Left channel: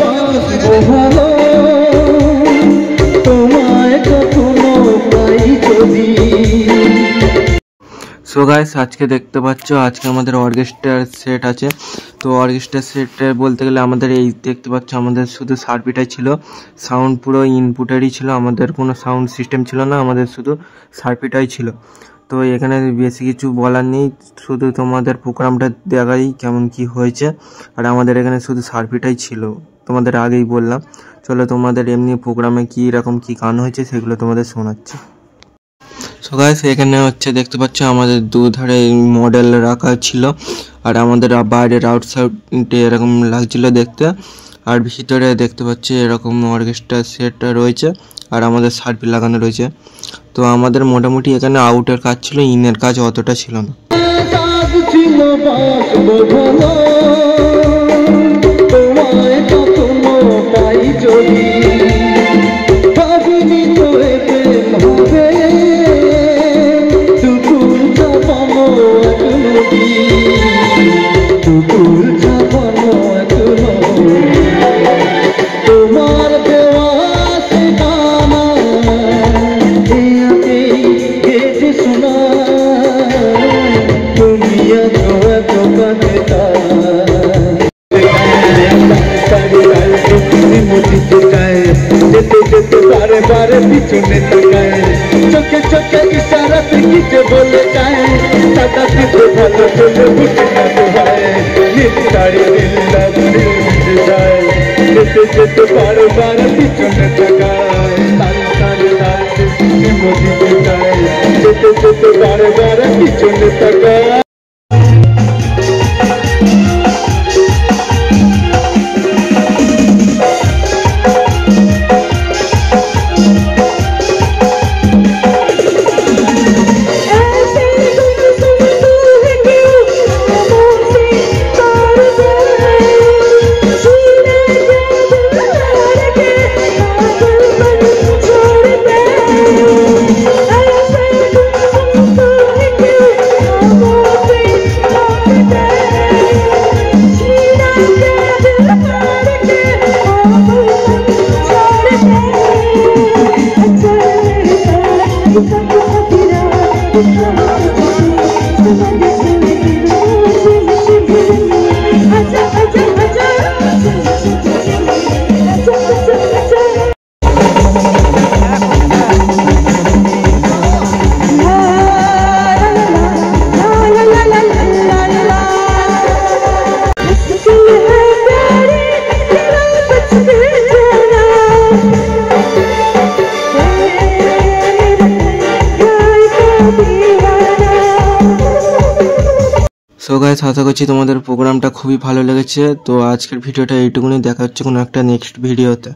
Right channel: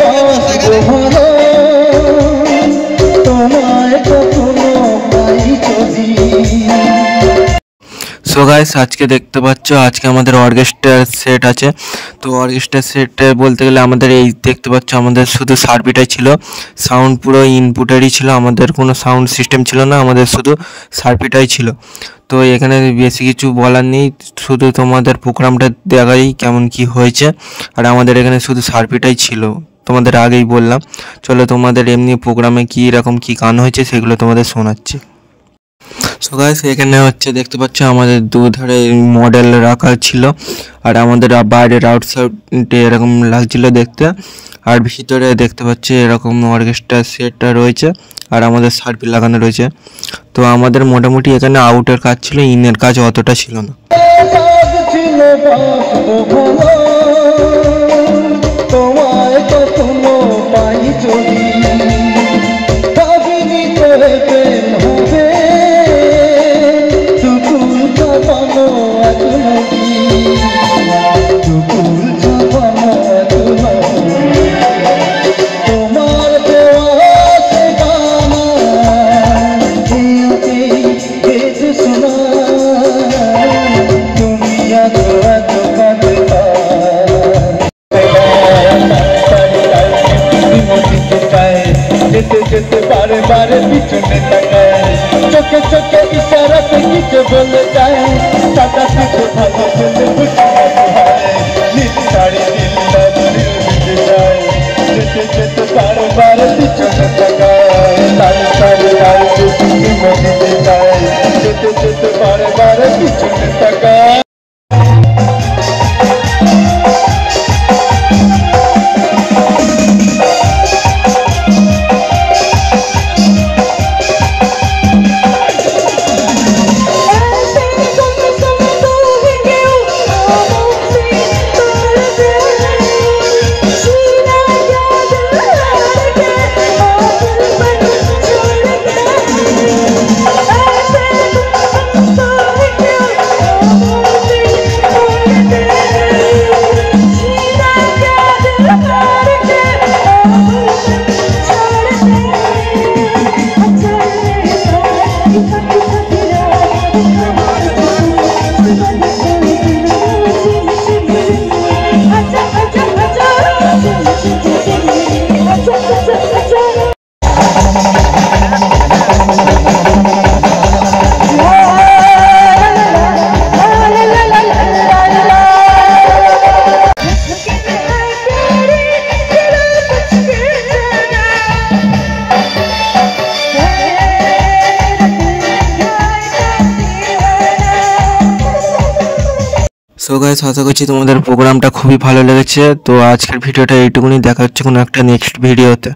বাঁচবো ভালো তোমায় কখনো পাই যদি। সো গাইস আজকে দেখতে পাচ্ছ আজকে আমাদের অর্কেস্ট্রার সেট আছে। তো অর্কেস্ট্রার সেটে বলতে গেলে আমাদের এই দেখতে পাচ্ছ আমাদের শুধু সার্কিটাই ছিল, সাউন্ড পুরো ইনপুটেরই ছিল, আমাদের কোনো সাউন্ড সিস্টেম ছিল না, আমাদের শুধু সার্কিটাই ছিল। তো এখানে বেশি কিছু বলার নেই, শুধু তোমাদের প্রোগ্রামটা দেখাই কেমন কি হয়েছে। আর আমাদের এখানে শুধু সার্কিটাই ছিল, তোমাদের আগেই বললাম। চলো তোমাদের এমনি প্রোগ্রামে কী রকম কী গান হয়েছে সেগুলো তোমাদের শোনাচ্ছি। সো গাইস এখানে হচ্ছে দেখতে পাচ্ছ আমাদের দুধারে মডেল রাখা ছিল, আর আমাদের বাইরের আউটসাইডে এরকম লাগছিল দেখতে, আর ভিতরে দেখতে পাচ্ছি এরকম অর্কেস্ট্রা সেটটা রয়েছে, আর আমাদের সার্কিট লাগানো রয়েছে। তো আমাদের মোটামুটি এখানে আউটের কাজ ছিল, ইনের কাজ অতটা ছিল না। बारे बारे पिछने तकाए चोखे चोखे इशारा से किसे बोले जाए सादा पीछे भलो सुने बुझे ना दुहाए नील साड़ी नील लाल जाए जेते जेते बारे बारे पिछने तकाए लाल साड़ी लाल की मोदी दे जाए जेते जेते बारे बारे पिछने तकाए। সো গাইস আশা করছি তোমাদের প্রোগ্রামটা খুবই ভালো লেগেছে। তো আজকের ভিডিওটা এইটুকুনি, দেখা হচ্ছে কোনো একটা নেক্সট ভিডিওতে।